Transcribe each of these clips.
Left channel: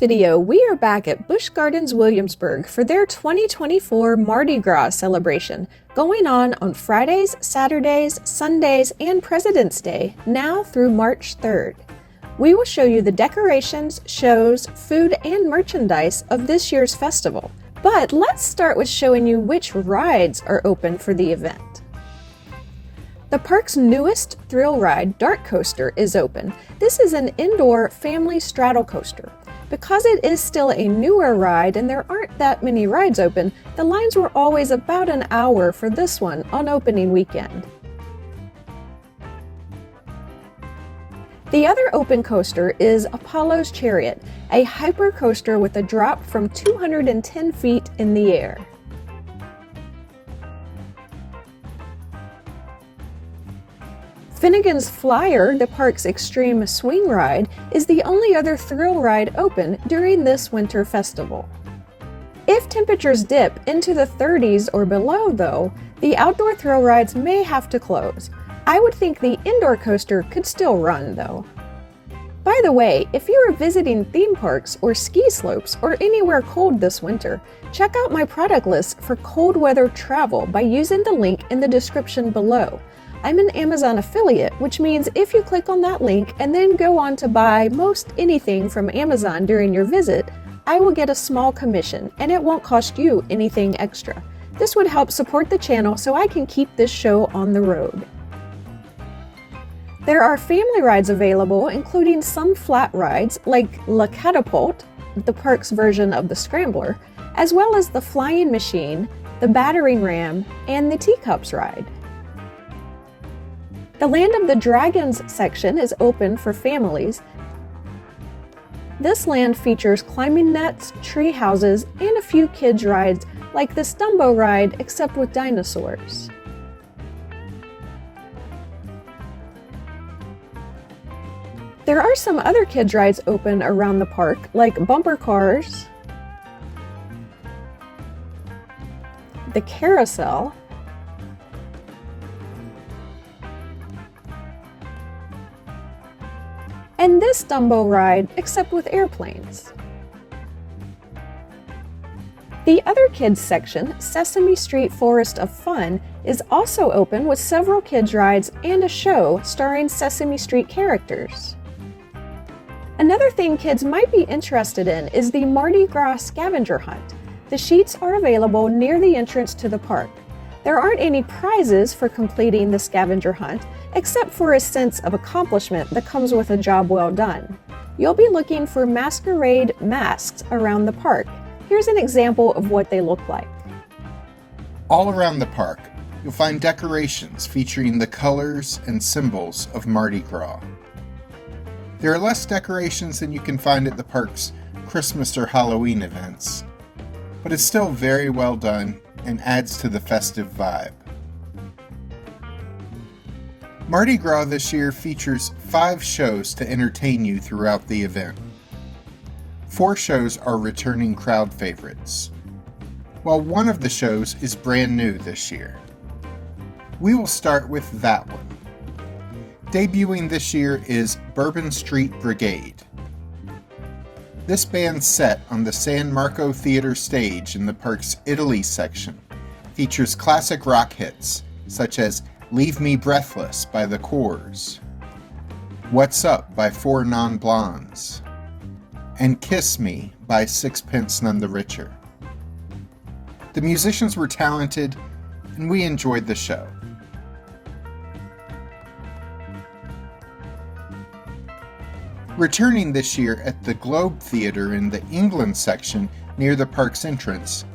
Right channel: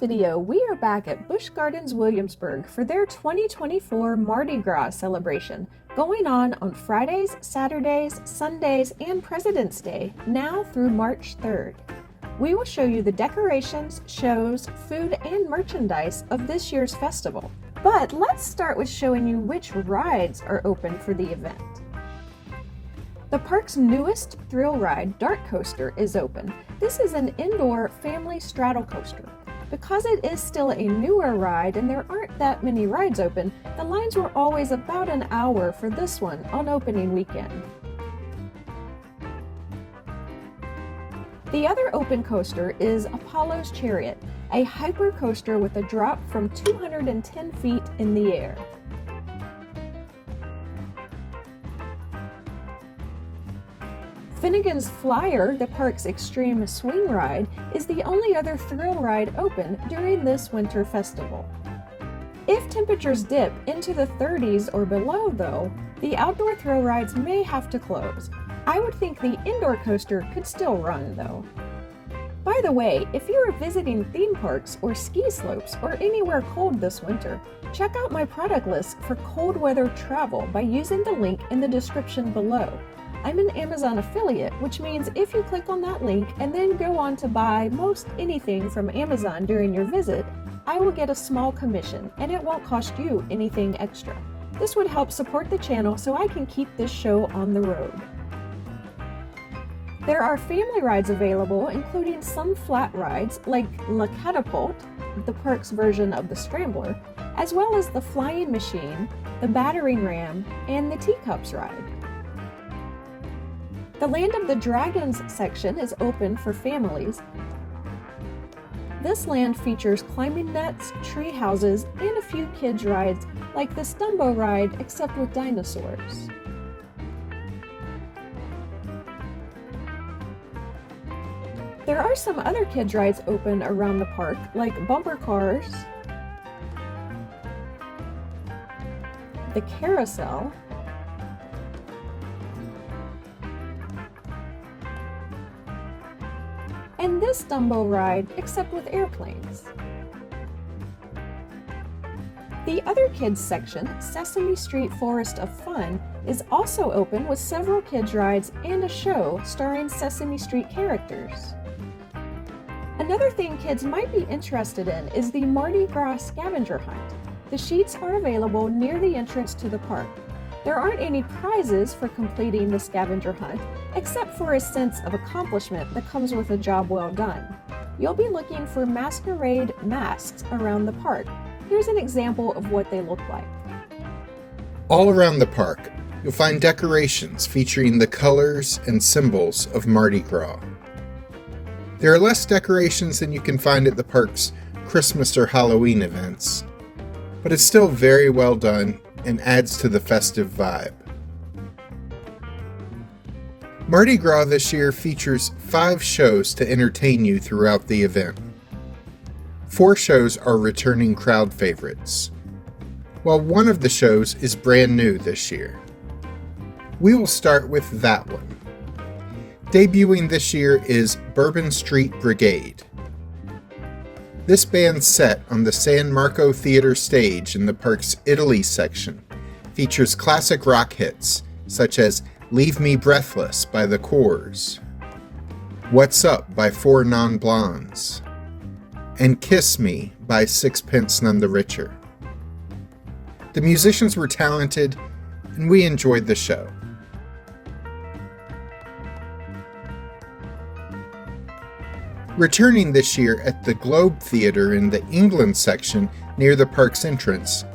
video, we are back at Busch Gardens, Williamsburg for their 2024 Mardi Gras celebration, going on Fridays, Saturdays, Sundays, and President's Day, now through March 3rd. We will show you the decorations, shows, food, and merchandise of this year's festival. But let's start with showing you which rides are open for the event. The park's newest thrill ride, Dart Coaster, is open. This is an indoor family straddle coaster. Because it is still a newer ride and there aren't that many rides open, the lines were always about an hour for this one on opening weekend. The other open coaster is Apollo's Chariot, a hyper coaster with a drop from 210 feet in the air. Finnegan's Flyer, the park's extreme swing ride, is the only other thrill ride open during this winter festival. If temperatures dip into the 30s or below, though, the outdoor thrill rides may have to close. I would think the indoor coaster could still run, though. By the way, if you are visiting theme parks or ski slopes or anywhere cold this winter, check out my product list for cold weather travel by using the link in the description below. I'm an Amazon affiliate, which means if you click on that link and then go on to buy most anything from Amazon during your visit, I will get a small commission and it won't cost you anything extra. This would help support the channel so I can keep this show on the road. There are family rides available, including some flat rides like La Catapult, the park's version of the Scrambler, as well as the Flying Machine, the Battering Ram, and the Teacups ride. The Land of the Dragons section is open for families. This land features climbing nets, tree houses, and a few kids' rides like the Stumbo ride except with dinosaurs. There are some other kids' rides open around the park like bumper cars, the carousel, and this Dumbo ride, except with airplanes. The other kids section, Sesame Street Forest of Fun, is also open with several kids rides and a show starring Sesame Street characters. Another thing kids might be interested in is the Mardi Gras scavenger hunt. The sheets are available near the entrance to the park. There aren't any prizes for completing the scavenger hunt, except for a sense of accomplishment that comes with a job well done. You'll be looking for masquerade masks around the park. Here's an example of what they look like. All around the park, you'll find decorations featuring the colors and symbols of Mardi Gras. There are less decorations than you can find at the park's Christmas or Halloween events, but it's still very well done and adds to the festive vibe. Mardi Gras this year features 5 shows to entertain you throughout the event. 4 shows are returning crowd favorites, while one of the shows is brand new this year. We will start with that one. Debuting this year is Bourbon Street Brigade. This band's set on the San Marco Theater stage in the park's Italy section features classic rock hits such as Leave Me Breathless by The Corrs, What's Up by Four Non Blondes, and Kiss Me by Sixpence None the Richer. The musicians were talented and we enjoyed the show. Returning this year at the Globe Theatre in the England section near the park's entrance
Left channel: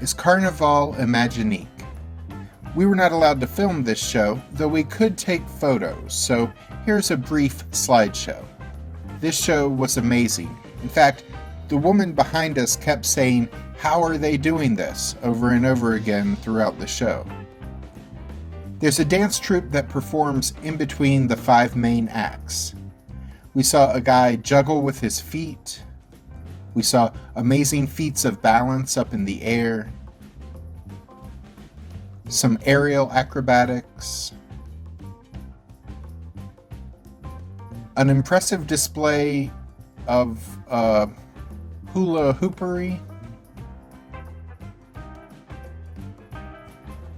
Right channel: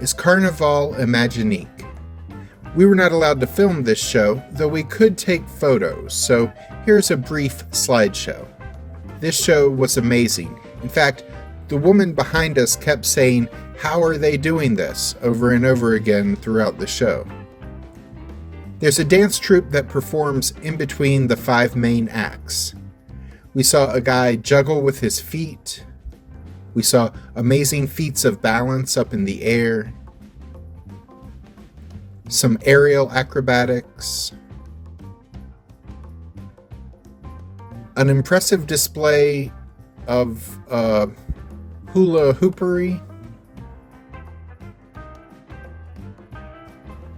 is Carnaval Imaginique. We were not allowed to film this show, though we could take photos, so here's a brief slideshow. This show was amazing. In fact, the woman behind us kept saying, "How are they doing this?" over and over again throughout the show. There's a dance troupe that performs in between the 5 main acts. We saw a guy juggle with his feet. We saw amazing feats of balance up in the air. Some aerial acrobatics. An impressive display of hula hoopery,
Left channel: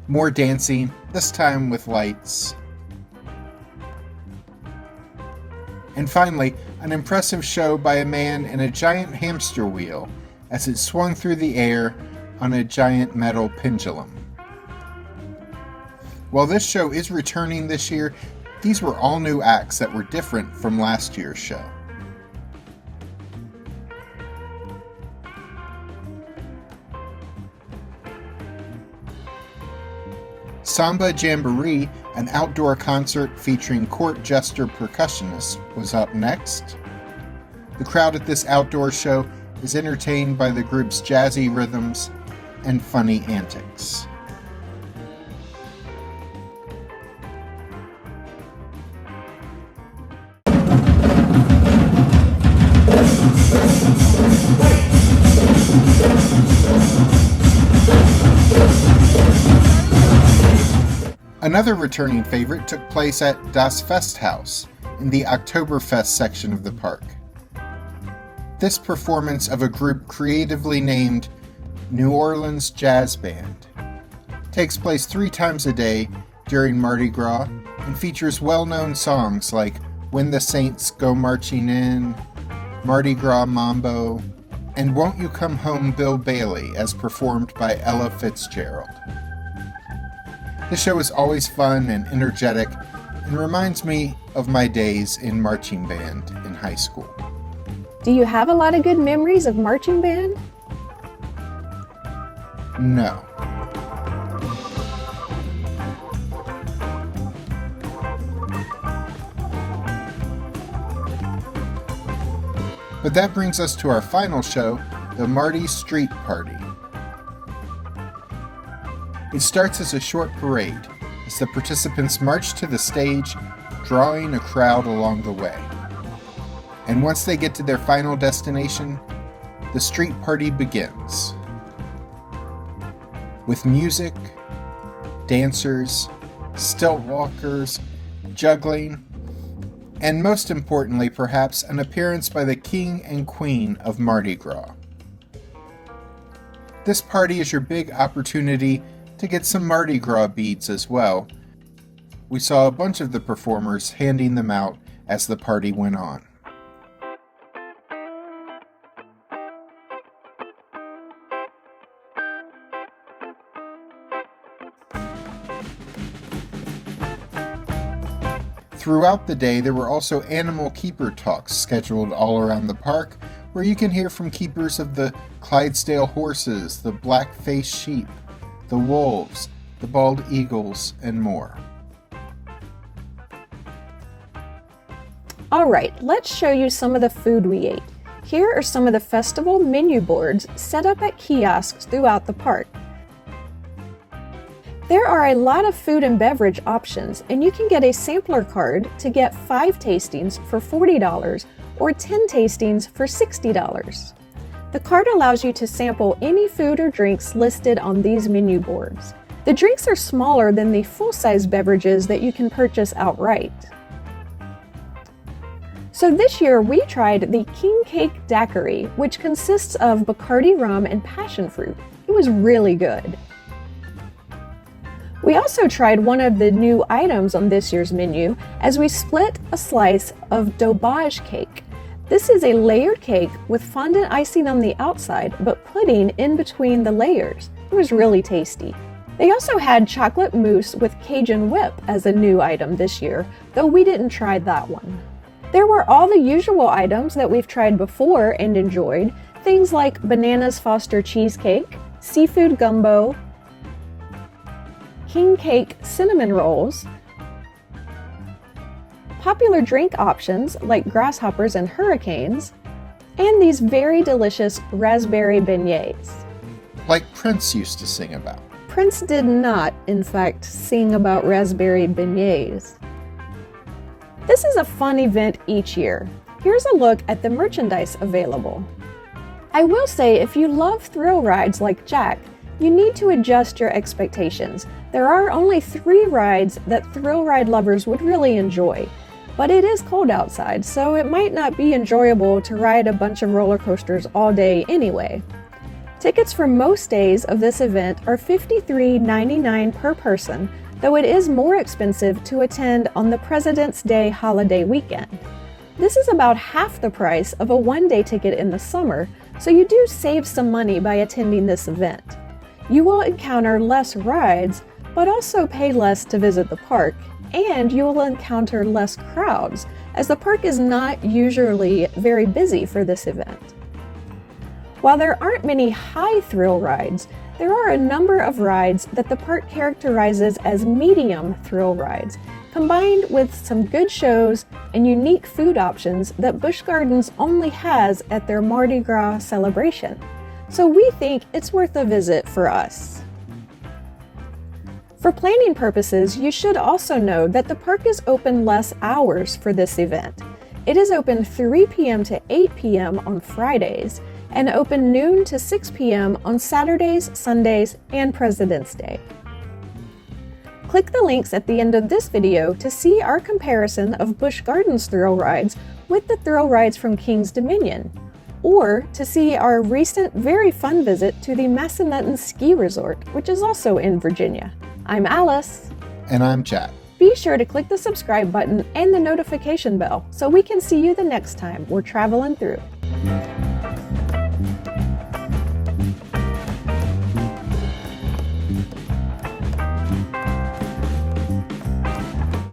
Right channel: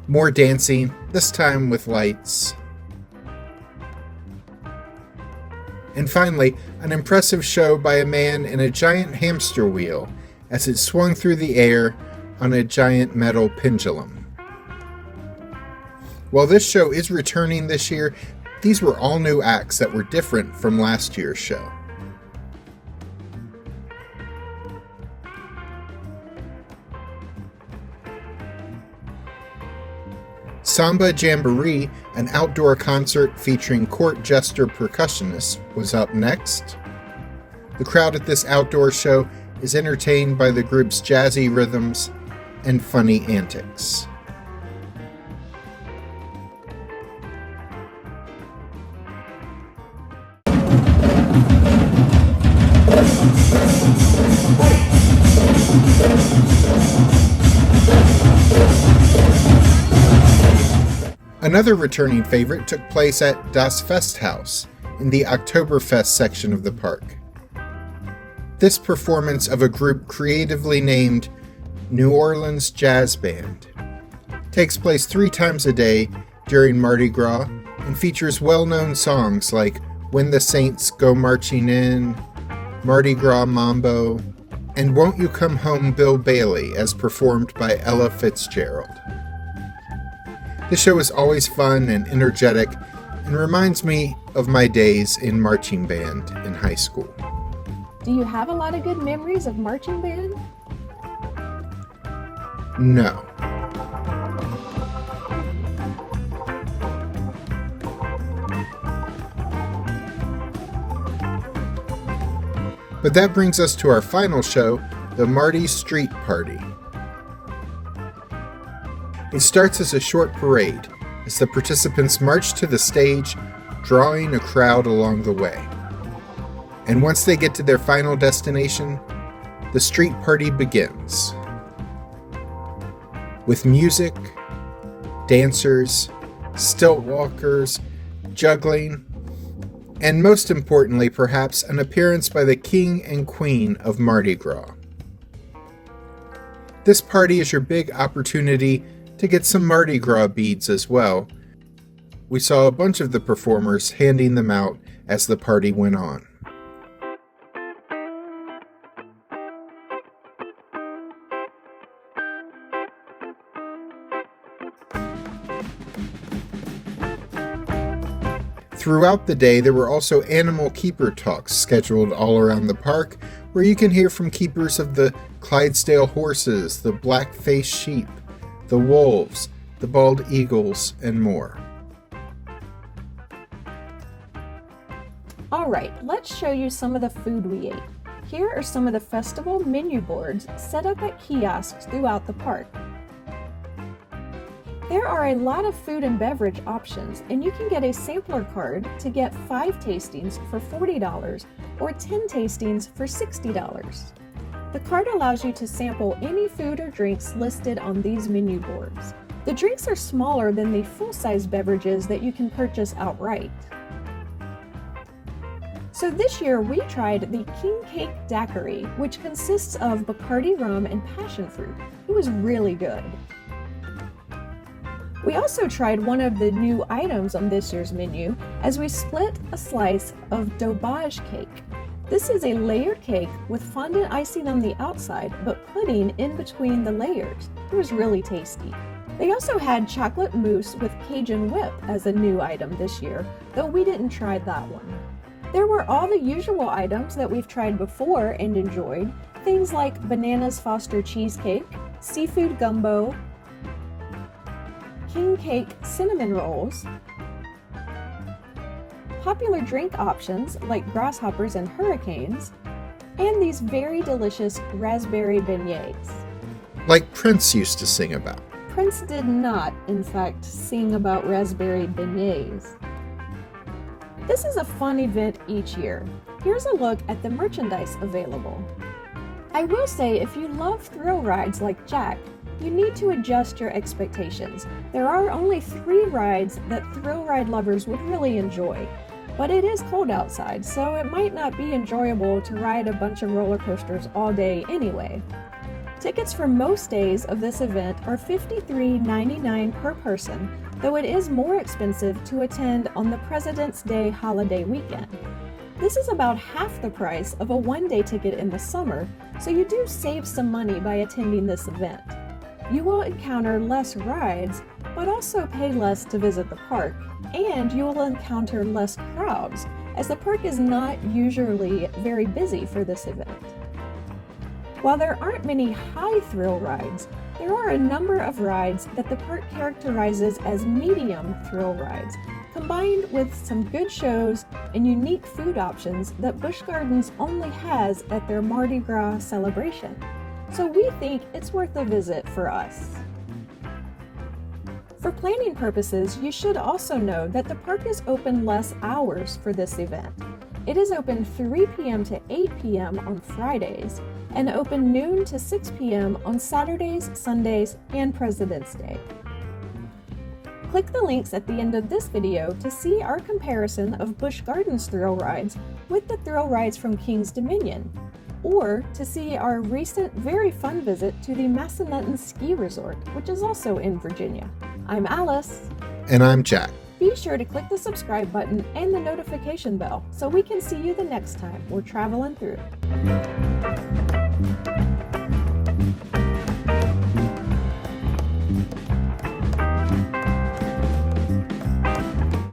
more dancing, this time with lights, and finally, an impressive show by a man in a giant hamster wheel as it swung through the air on a giant metal pendulum. While this show is returning this year, these were all new acts that were different from last year's show. Samba Jamboree, an outdoor concert featuring court jester percussionists, was up next. The crowd at this outdoor show is entertained by the group's jazzy rhythms and funny antics. Another returning favorite took place at Das Festhaus in the Oktoberfest section of the park. This performance of a group creatively named New Orleans Jazz Band takes place 3 times a day during Mardi Gras and features well-known songs like When the Saints Go Marching In, Mardi Gras Mambo, and Won't You Come Home Bill Bailey as performed by Ella Fitzgerald. The show is always fun and energetic and reminds me of my days in marching band in high school. Do you have a lot of good memories of marching band? No. But that brings us to our final show, the Mardi Street Party. It starts as a short parade, as the participants march to the stage, drawing a crowd along the way. And once they get to their final destination, the street party begins. With music, dancers, stilt walkers, juggling, and most importantly, perhaps, an appearance by the king and queen of Mardi Gras. This party is your big opportunity to get some Mardi Gras beads as well. We saw a bunch of the performers handing them out as the party went on. Throughout the day, there were also animal keeper talks scheduled all around the park, where you can hear from keepers of the Clydesdale horses, the black-faced sheep, the wolves, the bald eagles, and more. Alright, let's show you some of the food we ate. Here are some of the festival menu boards set up at kiosks throughout the park. There are a lot of food and beverage options, and you can get a sampler card to get 5 tastings for $40 or 10 tastings for $60. The card allows you to sample any food or drinks listed on these menu boards. The drinks are smaller than the full-size beverages that you can purchase outright. So this year we tried the King Cake Daiquiri, which consists of Bacardi rum and passion fruit. It was really good. We also tried one of the new items on this year's menu as we split a slice of Dobage cake. This is a layered cake with fondant icing on the outside, but pudding in between the layers. It was really tasty. They also had chocolate mousse with Cajun whip as a new item this year, though we didn't try that one. There were all the usual items that we've tried before and enjoyed, things like Bananas Foster cheesecake, seafood gumbo, King Cake cinnamon rolls, popular drink options like grasshoppers and hurricanes, and these very delicious raspberry beignets. Like Prince used to sing about. Prince did not, in fact, sing about raspberry beignets. This is a fun event each year. Here's a look at the merchandise available. I will say, if you love thrill rides like Jack, you need to adjust your expectations. There are only 3 rides that thrill ride lovers would really enjoy. but it is cold outside, so it might not be enjoyable to ride a bunch of roller coasters all day anyway. Tickets for most days of this event are $53.99 per person, though it is more expensive to attend on the President's Day holiday weekend. This is about half the price of a one-day ticket in the summer, so you do save some money by attending this event. You will encounter less rides, but also pay less to visit the park, and you will encounter less crowds, as the park is not usually very busy for this event. While there aren't many high thrill rides, there are a number of rides that the park characterizes as medium thrill rides, combined with some good shows and unique food options that Busch Gardens only has at their Mardi Gras celebration. So we think it's worth a visit for us. For planning purposes, you should also know that the park is open less hours for this event. It is open 3 p.m. to 8 p.m. on Fridays, and open noon to 6 p.m. on Saturdays, Sundays, and President's Day. Click the links at the end of this video to see our comparison of Busch Gardens thrill rides with the thrill rides from King's Dominion, or to see our recent very fun visit to the Massanutten Ski Resort, which is also in Virginia. I'm Alice. And I'm Jack. Be sure to click the subscribe button and the notification bell so we can see you the next time we're traveling through.